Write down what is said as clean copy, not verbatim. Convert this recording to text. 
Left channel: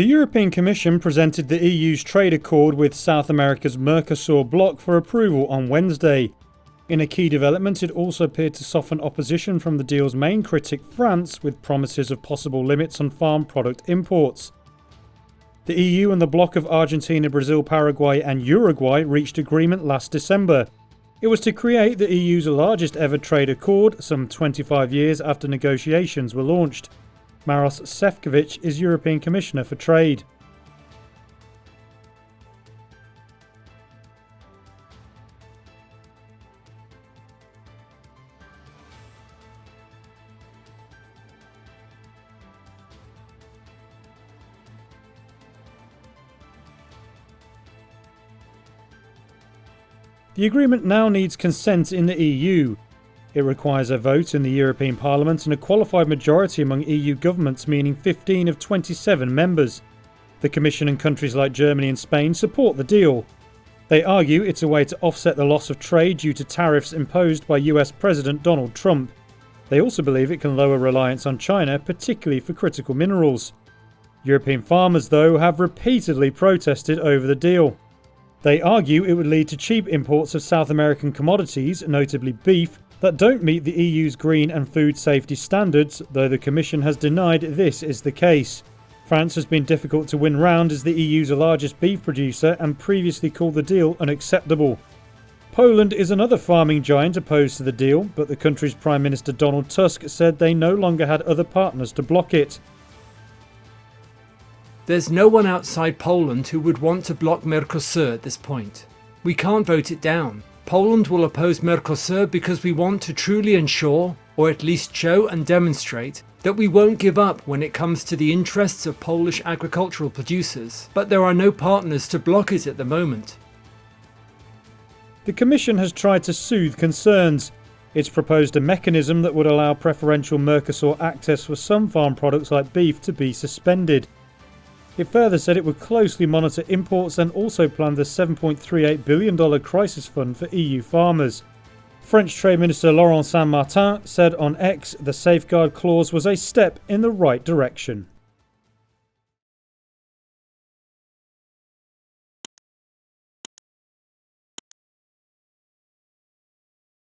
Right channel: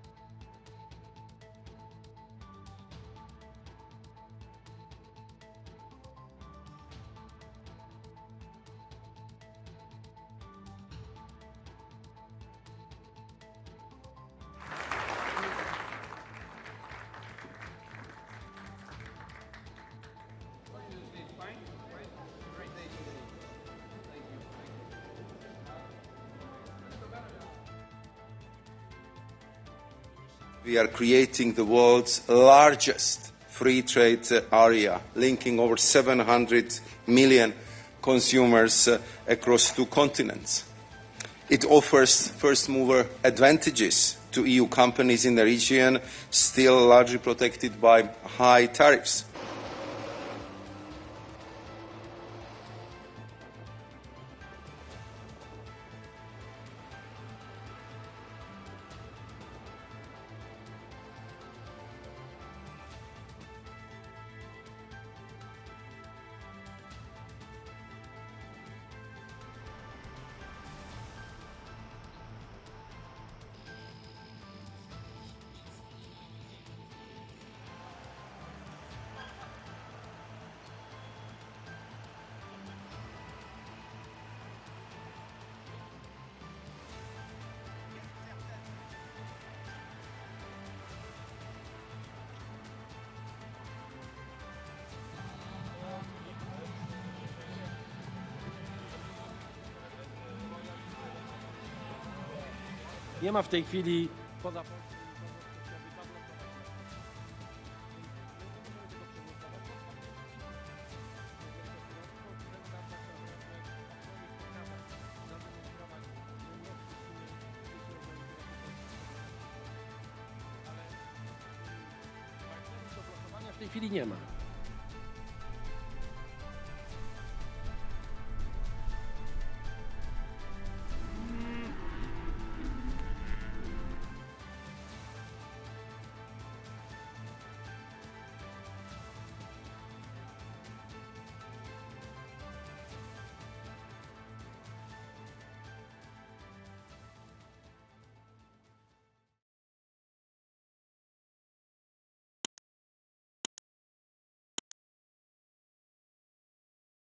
The European Commission presented the EU's trade accord with South America's Mercosur bloc for approval on Wednesday. In a key development, it also appeared to soften opposition from the deal's main critic, France, with promises of possible limits on farm product imports. The EU and the bloc of Argentina, Brazil, Paraguay and Uruguay reached agreement last December. It was to create the EU's largest ever trade accord, some 25 years after negotiations were launched. Maros Sefcovic is European Commissioner for Trade. We are creating the world's largest free trade area, linking over 700 million consumers across 2 continents. It offers first-mover advantages to EU companies in the region, still largely protected by high tariffs. The agreement now needs consent in the EU. It requires a vote in the European Parliament and a qualified majority among EU governments, meaning 15 of 27 members. The Commission and countries like Germany and Spain support the deal. They argue it's a way to offset the loss of trade due to tariffs imposed by US President Donald Trump. They also believe it can lower reliance on China, particularly for critical minerals. European farmers, though, have repeatedly protested over the deal. They argue it would lead to cheap imports of South American commodities, notably beef, that don't meet the EU's green and food safety standards, though the Commission has denied this is the case. France has been difficult to win round as the EU's largest beef producer and previously called the deal unacceptable. Poland is another farming giant opposed to the deal, but the country's Prime Minister Donald Tusk said they no longer had other partners to block it. There's no one outside Poland who would want to block Mercosur at this point. We can't vote it down. Poland will oppose Mercosur because we want to truly ensure, or at least show and demonstrate, that we won't give up when it comes to the interests of Polish agricultural producers. But there are no partners to block it at the moment. The Commission has tried to soothe concerns. It's proposed a mechanism that would allow preferential Mercosur access for some farm products like beef to be suspended. It further said it would closely monitor imports and also planned the $7.38 billion crisis fund for EU farmers. French Trade Minister Laurent Saint-Martin said on X the safeguard clause was a step in the right direction.